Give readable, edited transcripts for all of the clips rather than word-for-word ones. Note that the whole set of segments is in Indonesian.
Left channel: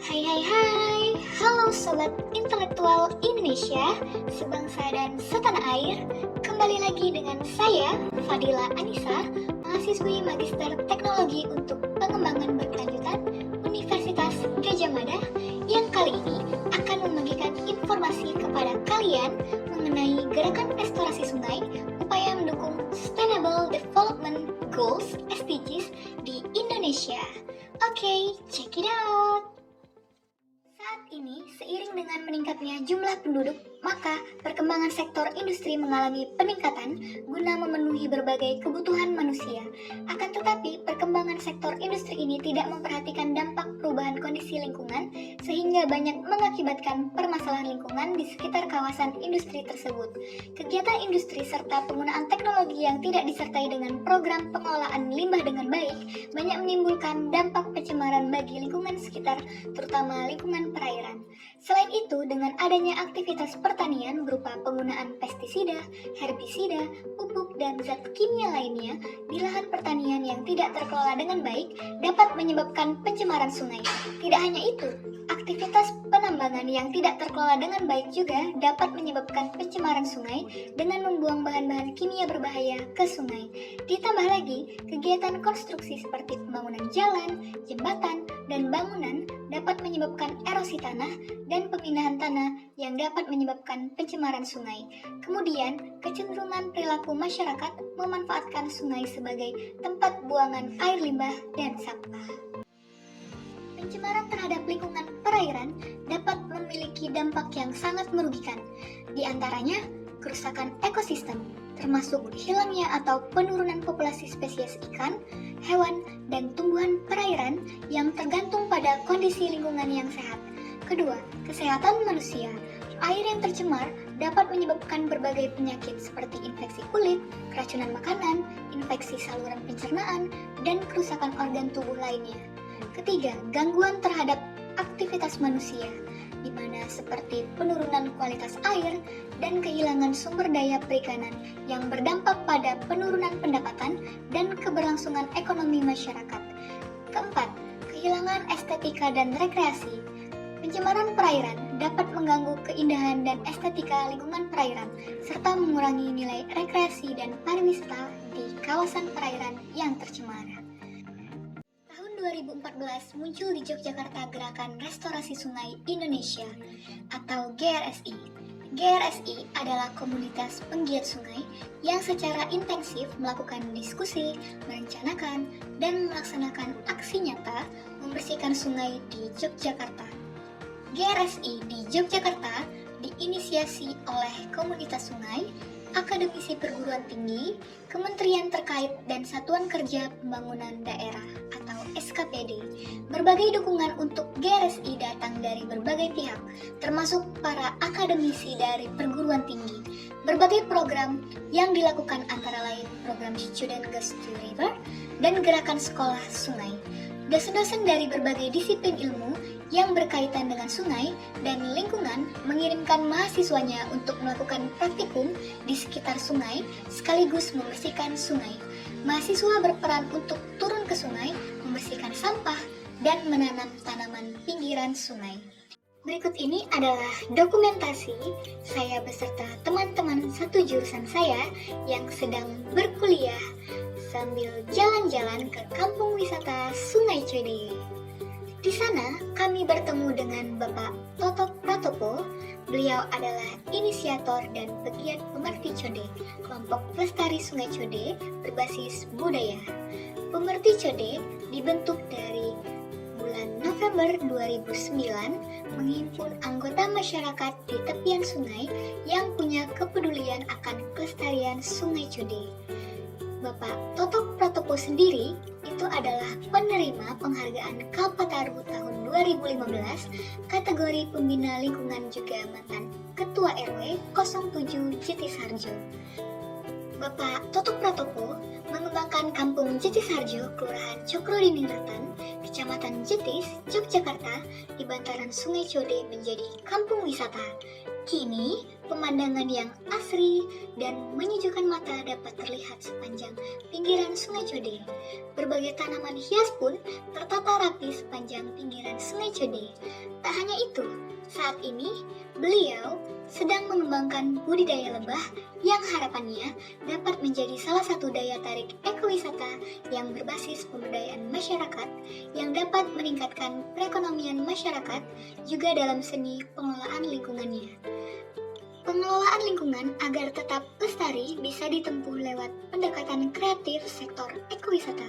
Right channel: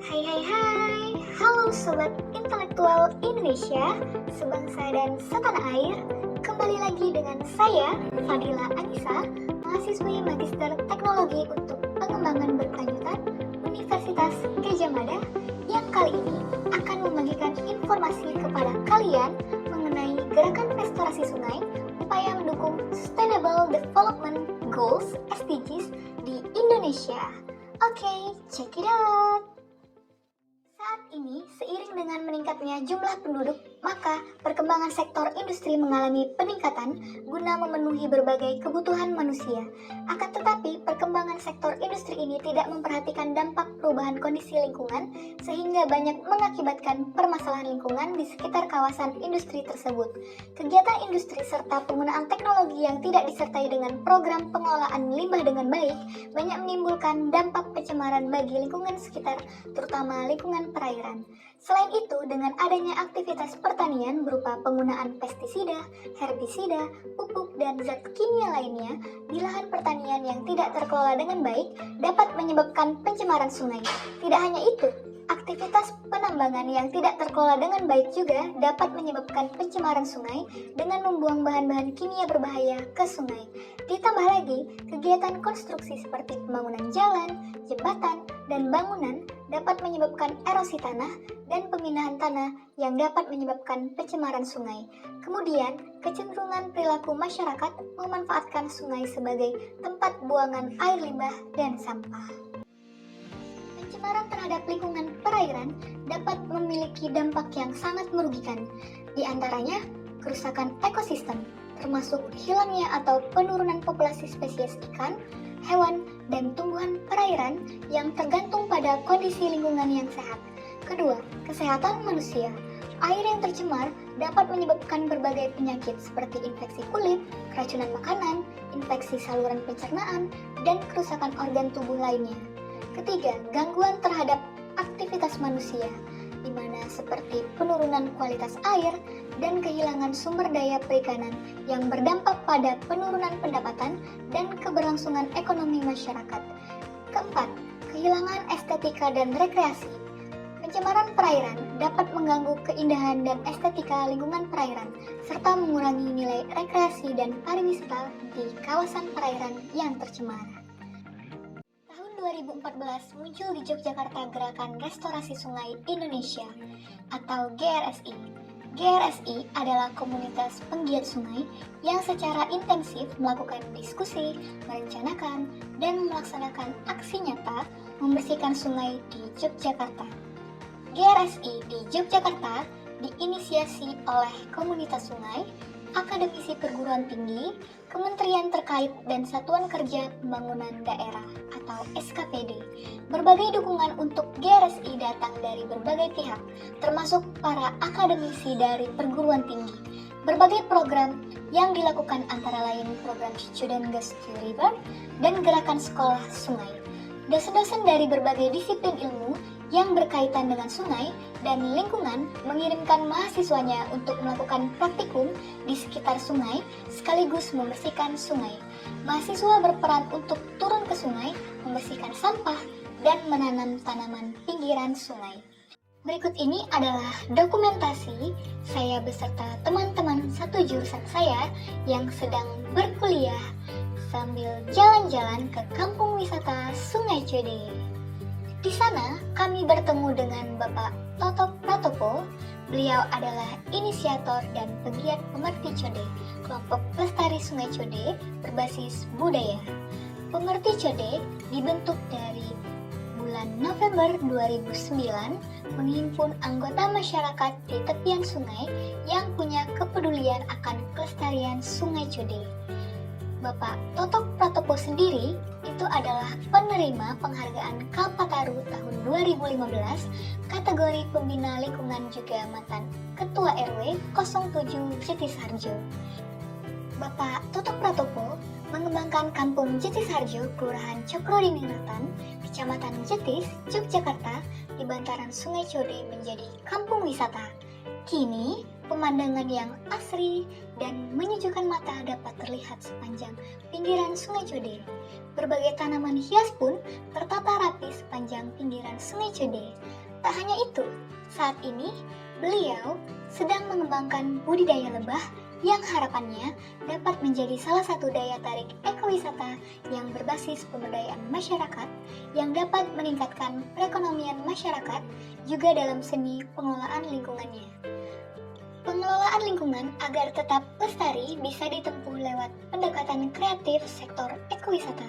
Hai hai hai, halo Sobat Intelektual Indonesia, sebangsa dan setanah air. Kembali lagi dengan saya, Fadila Anissa, mahasiswi Magister Teknologi untuk Pengembangan Berkelanjutan Universitas Gadjah Mada, yang kali ini akan membagikan informasi kepada kalian mengenai gerakan restorasi sungai, upaya mendukung Sustainable Development Goals (SDGs) di Indonesia. Oke, check it out! Saat ini, seiring dengan meningkatnya jumlah penduduk, maka perkembangan sektor industri mengalami peningkatan guna memenuhi berbagai kebutuhan manusia. Akan tetapi, perkembangan sektor industri ini tidak memperhatikan dampak perubahan kondisi lingkungan, sehingga banyak mengakibatkan permasalahan lingkungan di sekitar kawasan industri tersebut. Kegiatan industri serta penggunaan teknologi yang tidak disertai dengan program pengelolaan limbah dengan baik, banyak menimbulkan dampak pencemaran bagi lingkungan sekitar, terutama lingkungan perairan. Selain itu, dengan adanya aktivitas pertanian berupa penggunaan pestisida, herbisida, pupuk, dan zat kimia lainnya di lahan pertanian yang tidak terkelola dengan baik dapat menyebabkan pencemaran sungai. Tidak hanya itu, aktivitas penambangan yang tidak terkelola dengan baik juga dapat menyebabkan pencemaran sungai dengan membuang bahan-bahan kimia berbahaya ke sungai. Ditambah lagi, kegiatan konstruksi seperti pembangunan jalan, jembatan, dan bangunan dapat menyebabkan erosi tanah dan pemindahan tanah yang dapat menyebabkan pencemaran sungai. Kemudian, kecenderungan perilaku masyarakat memanfaatkan sungai sebagai tempat buangan air limbah dan sampah. Pencemaran terhadap lingkungan perairan dapat memiliki dampak yang sangat merugikan, di antaranya kerusakan ekosistem, termasuk hilangnya atau penurunan populasi spesies ikan, hewan, dan tumbuhan perairan yang tergantung pada kondisi lingkungan yang sehat. Kedua, kesehatan manusia. Air yang tercemar dapat menyebabkan berbagai penyakit seperti infeksi kulit, keracunan makanan, infeksi saluran pencernaan, dan kerusakan organ tubuh lainnya. Ketiga, gangguan terhadap aktivitas manusia, di mana seperti penurunan kualitas air dan kehilangan sumber daya perikanan yang berdampak pada penurunan pendapatan dan keberlangsungan ekonomi masyarakat. Keempat, kehilangan estetika dan rekreasi. Pencemaran perairan dapat mengganggu keindahan dan estetika lingkungan perairan, serta mengurangi nilai rekreasi dan pariwisata di kawasan perairan yang tercemar. Tahun 2014 muncul di Yogyakarta Gerakan Restorasi Sungai Indonesia atau GRSI. GRSI adalah komunitas penggiat sungai yang secara intensif melakukan diskusi, merencanakan, dan melaksanakan aksi nyata membersihkan sungai di Yogyakarta. GRSI di Yogyakarta diinisiasi oleh komunitas sungai, akademisi perguruan tinggi, kementerian terkait, dan Satuan Kerja Pembangunan Daerah atau SKPD. Berbagai dukungan untuk GRSI datang dari berbagai pihak, termasuk para akademisi dari perguruan tinggi. Berbagai program yang dilakukan antara lain program Student Goes to River dan gerakan sekolah sungai. Dosen-dosen dari berbagai disiplin ilmu yang berkaitan dengan sungai dan lingkungan mengirimkan mahasiswanya untuk melakukan praktikum di sekitar sungai sekaligus membersihkan sungai. Mahasiswa berperan untuk turun ke sungai, membersihkan sampah, dan menanam tanaman pinggiran sungai. Berikut ini adalah dokumentasi saya beserta teman-teman satu jurusan saya yang sedang berkuliah sambil jalan-jalan ke kampung wisata Sungai Code. Di sana, kami bertemu dengan Bapak Totok Pratopo. Beliau adalah inisiator dan pegiat Pemerti Code, kelompok pelestari Sungai Code berbasis budaya. Pemerti Code dibentuk dari bulan November 2009, menghimpun anggota masyarakat di tepian sungai yang punya kepedulian akan kelestarian Sungai Code. Bapak Totok Pratopo sendiri itu adalah penerima penghargaan Kalpataru tahun 2015 kategori pembina lingkungan juga mantan Ketua RW 07 Jetisharjo. Bapak Totok Pratopo mengembangkan Kampung Jetisharjo, Kelurahan Cokrodiningrat, Kecamatan Jetis, Yogyakarta di bantaran Sungai Code menjadi kampung wisata. Kini, pemandangan yang asri dan menyejukkan mata dapat terlihat sepanjang pinggiran Sungai Code. Berbagai tanaman hias pun tertata rapi sepanjang pinggiran Sungai Code. Tak hanya itu, saat ini beliau sedang mengembangkan budidaya lebah yang harapannya dapat menjadi salah satu daya tarik ekowisata yang berbasis pemberdayaan masyarakat yang dapat meningkatkan perekonomian masyarakat juga dalam seni pengelolaan lingkungannya. Pengelolaan lingkungan agar tetap lestari bisa ditempuh lewat pendekatan kreatif sektor ekowisata.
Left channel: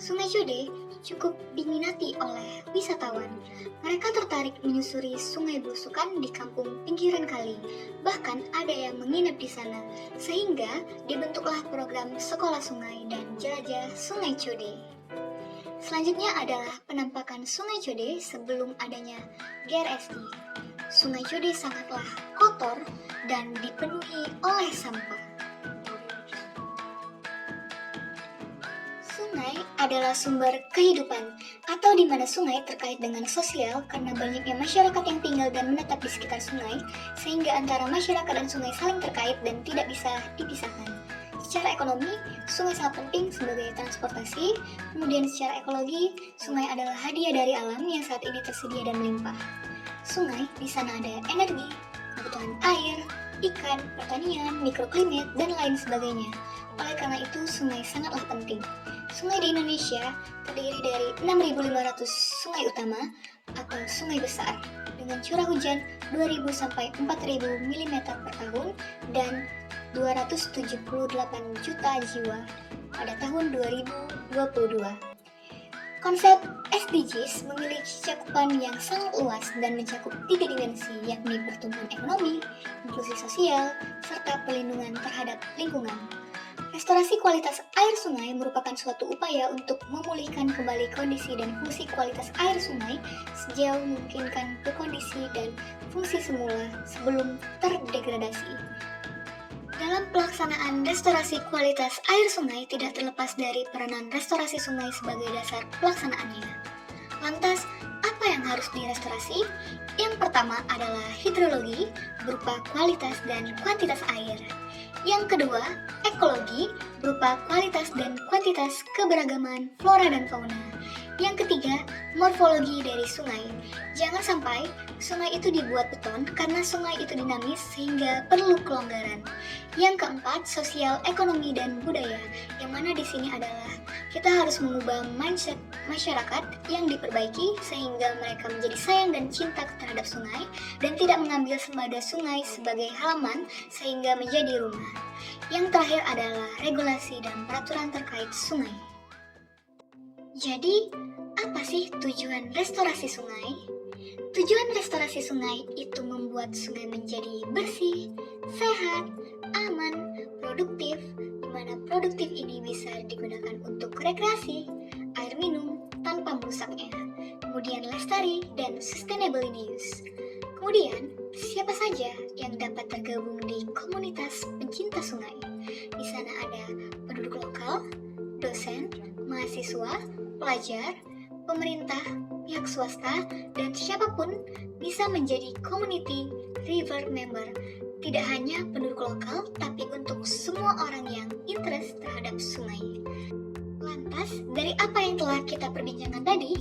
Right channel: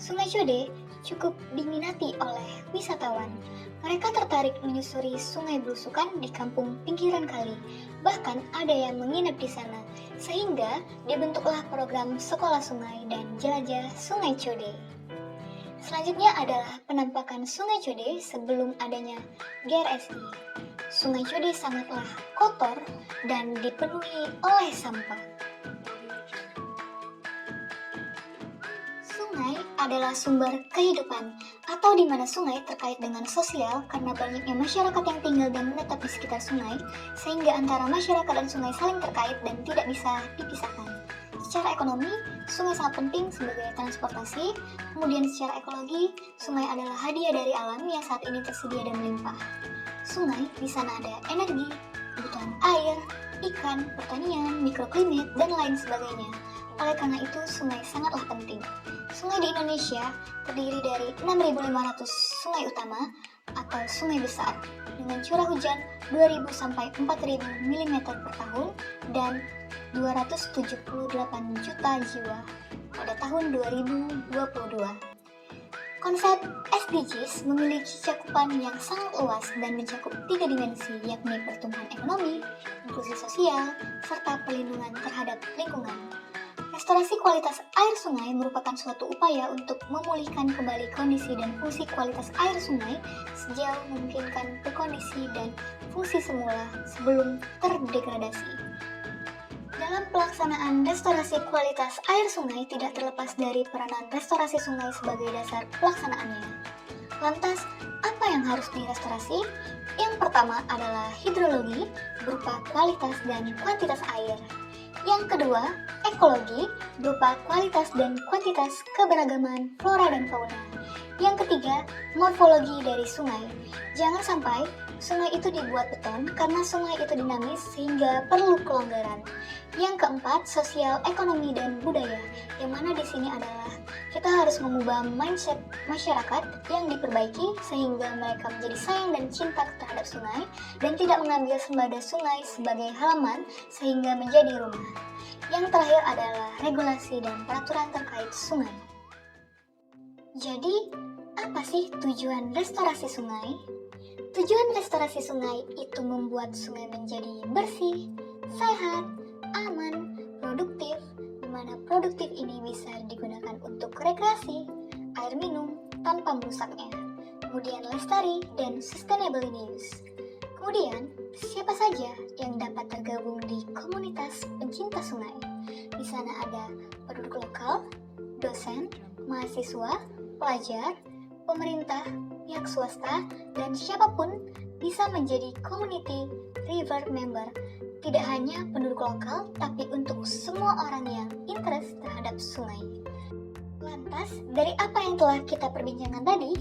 Sungai Code cukup diminati oleh wisatawan. Mereka tertarik menyusuri sungai belusukan di kampung pinggiran kali. Bahkan ada yang menginap di sana, sehingga dibentuklah program sekolah sungai dan jelajah Sungai Code. Selanjutnya adalah penampakan Sungai Code sebelum adanya GRSI. Sungai Code sangatlah kotor dan dipenuhi oleh sampah. Sungai adalah sumber kehidupan, atau di mana sungai terkait dengan sosial karena banyaknya masyarakat yang tinggal dan menetap di sekitar sungai, sehingga antara masyarakat dan sungai saling terkait dan tidak bisa dipisahkan. Secara ekonomi, sungai sangat penting sebagai transportasi. Kemudian secara ekologi, sungai adalah hadiah dari alam yang saat ini tersedia dan melimpah. Sungai di sana ada energi, kebutuhan air, ikan, pertanian, mikroklimat, dan lain sebagainya. Oleh karena itu, sungai sangatlah penting. Sungai di Indonesia terdiri dari 6.500 sungai utama atau sungai besar dengan curah hujan 2.000 sampai 4.000 mm per tahun dan 278 juta jiwa pada tahun 2022. Konsep SDGs memiliki cakupan yang sangat luas dan mencakup 3 dimensi, yakni pertumbuhan ekonomi, inklusi sosial, serta perlindungan terhadap lingkungan. Restorasi kualitas air sungai merupakan suatu upaya untuk memulihkan kembali kondisi dan fungsi kualitas air sungai sejauh memungkinkan berkondisi dan fungsi semula sebelum terdegradasi. Dalam pelaksanaan restorasi kualitas air sungai tidak terlepas dari peranan restorasi sungai sebagai dasar pelaksanaannya. Lantas, apa yang harus direstorasi? Yang pertama adalah hidrologi berupa kualitas dan kuantitas air. Yang kedua, ekologi berupa kualitas dan kuantitas keberagaman flora dan fauna. Yang ketiga, morfologi dari sungai. Jangan sampai sungai itu dibuat beton karena sungai itu dinamis sehingga perlu kelonggaran. Yang keempat, sosial, ekonomi, dan budaya. Yang mana di sini adalah kita harus mengubah mindset masyarakat yang diperbaiki sehingga mereka menjadi sayang dan cinta terhadap sungai dan tidak mengambil sembada sungai sebagai halaman sehingga menjadi rumah. Yang terakhir adalah regulasi dan peraturan terkait sungai. Jadi, apa sih tujuan restorasi sungai? Tujuan restorasi sungai itu membuat sungai menjadi bersih, sehat, aman, produktif, di mana produktif ini bisa digunakan untuk rekreasi, air minum tanpa merusaknya, kemudian lestari dan sustainable in use. Kemudian, siapa saja yang dapat tergabung di komunitas pencinta sungai? Di sana ada penduduk lokal, dosen, mahasiswa, pelajar, pemerintah, pihak swasta, dan siapapun bisa menjadi community river member. Tidak hanya penduduk lokal, tapi untuk semua orang yang interest terhadap sungai. Lantas, dari apa yang telah kita perbincangkan tadi,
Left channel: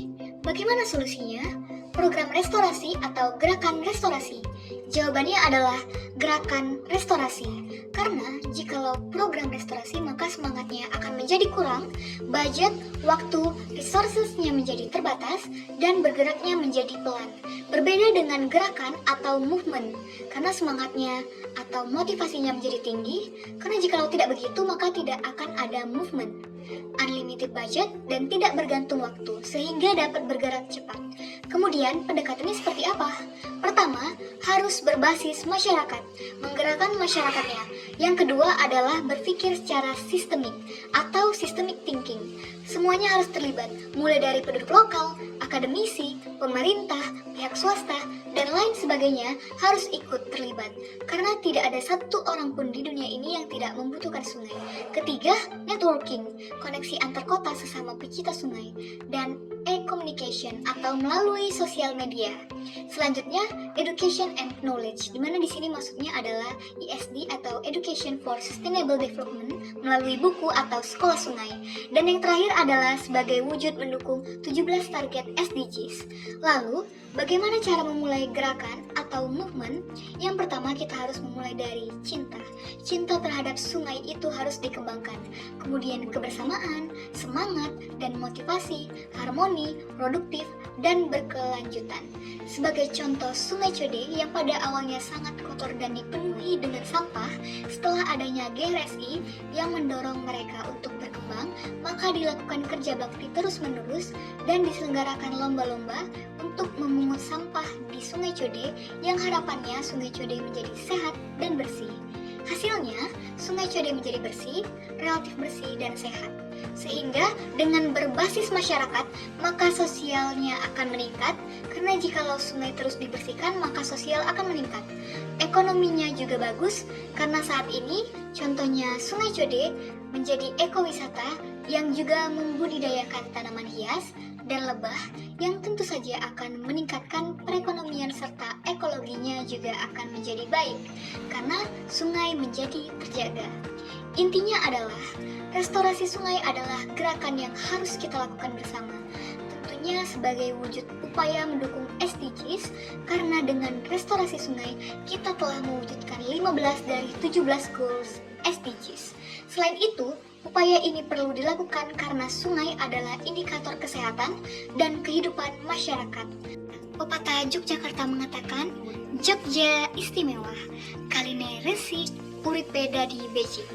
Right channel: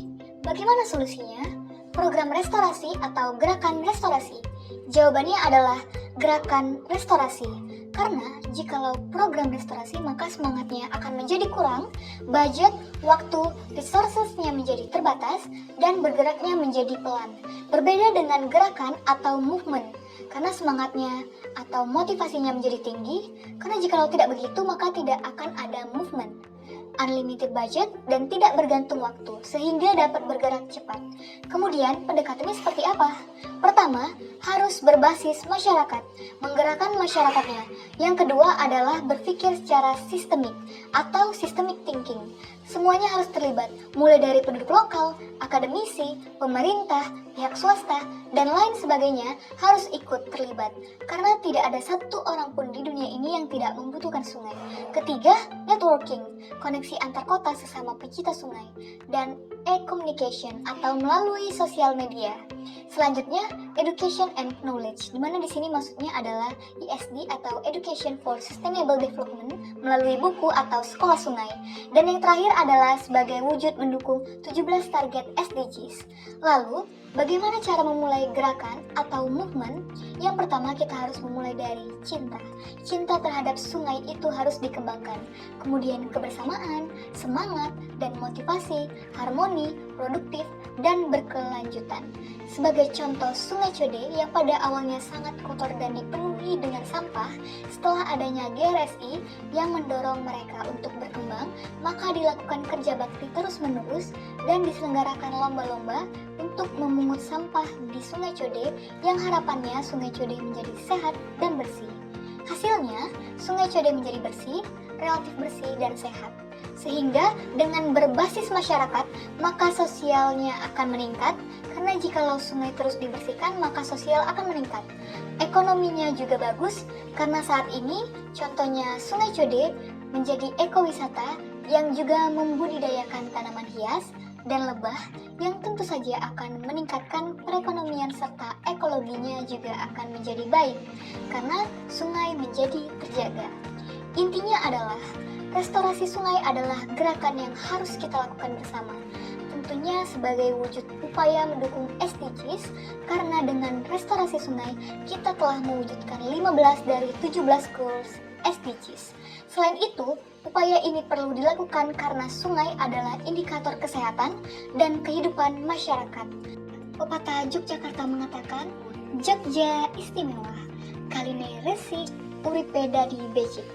bagaimana solusinya? Program restorasi atau gerakan restorasi? Jawabannya adalah gerakan restorasi. Karena jikalau program restorasi maka semangatnya akan menjadi kurang, budget, waktu, resourcesnya menjadi terbatas, dan bergeraknya menjadi pelan. Berbeda dengan gerakan atau movement, karena semangatnya atau motivasinya menjadi tinggi, karena jikalau tidak begitu maka tidak akan ada movement. Unlimited budget dan tidak bergantung waktu, sehingga dapat bergerak cepat. Kemudian, pendekatannya seperti apa? Pertama, harus berbasis masyarakat, menggerakkan masyarakatnya. Yang kedua adalah berpikir secara sistemik atau systemic thinking. Semuanya harus terlibat, mulai dari penduduk lokal, akademisi, pemerintah, pihak swasta, dan lain sebagainya harus ikut terlibat karena tidak ada satu orang pun di dunia ini yang tidak membutuhkan sungai. Ketiga, networking, koneksi antar kota sesama pecinta sungai, dan e-communication atau melalui sosial media. Selanjutnya, education and knowledge, di mana di sini maksudnya adalah ESD atau Education for Sustainable Development melalui buku atau sekolah sungai. Dan yang terakhir adalah sebagai wujud mendukung 17 target SDGs. Lalu, bagaimana cara memulai gerakan atau movement? Yang pertama, kita harus memulai dari cinta. Cinta terhadap sungai itu harus dikembangkan. Kemudian kebersamaan, semangat, dan motivasi, harmoni, produktif, dan berkelanjutan. Sebagai contoh, Sungai Code yang pada awalnya sangat kotor dan dipenuhi dengan sampah, setelah adanya GRSI yang mendorong mereka untuk berkembang, maka dilakukan kerja bakti terus-menerus dan diselenggarakan lomba-lomba untuk memungut sampah di Sungai Code yang harapannya Sungai Code menjadi sehat dan bersih. Hasilnya, Sungai Code menjadi bersih, relatif bersih, dan sehat. Sehingga dengan berbasis masyarakat, maka sosialnya akan meningkat, karena jikalau sungai terus dibersihkan, maka sosial akan meningkat. Ekonominya juga bagus, karena saat ini contohnya Sungai Code menjadi ekowisata yang juga membudidayakan tanaman hias dan lebah yang tentu saja akan meningkatkan perekonomian serta ekologinya juga akan menjadi baik, karena sungai menjadi terjaga. Intinya adalah, restorasi sungai adalah gerakan yang harus kita lakukan bersama. Tentunya sebagai wujud upaya mendukung SDGs, karena dengan restorasi sungai, kita telah mewujudkan 15 dari 17 goals SDGs. Selain itu, upaya ini perlu dilakukan karena sungai adalah indikator kesehatan dan kehidupan masyarakat. Pepatah Yogyakarta mengatakan, Jogja istimewa, kaline resik, uripe dadi becik.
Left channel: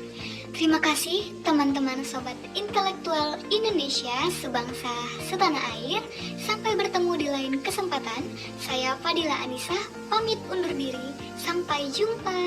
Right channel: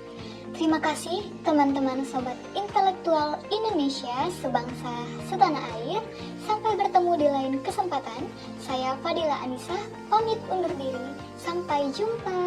Terima kasih teman-teman sobat intelektual Indonesia sebangsa setanah air. Sampai bertemu di lain kesempatan. Saya Fadila Anissa, pamit undur diri. Sampai jumpa.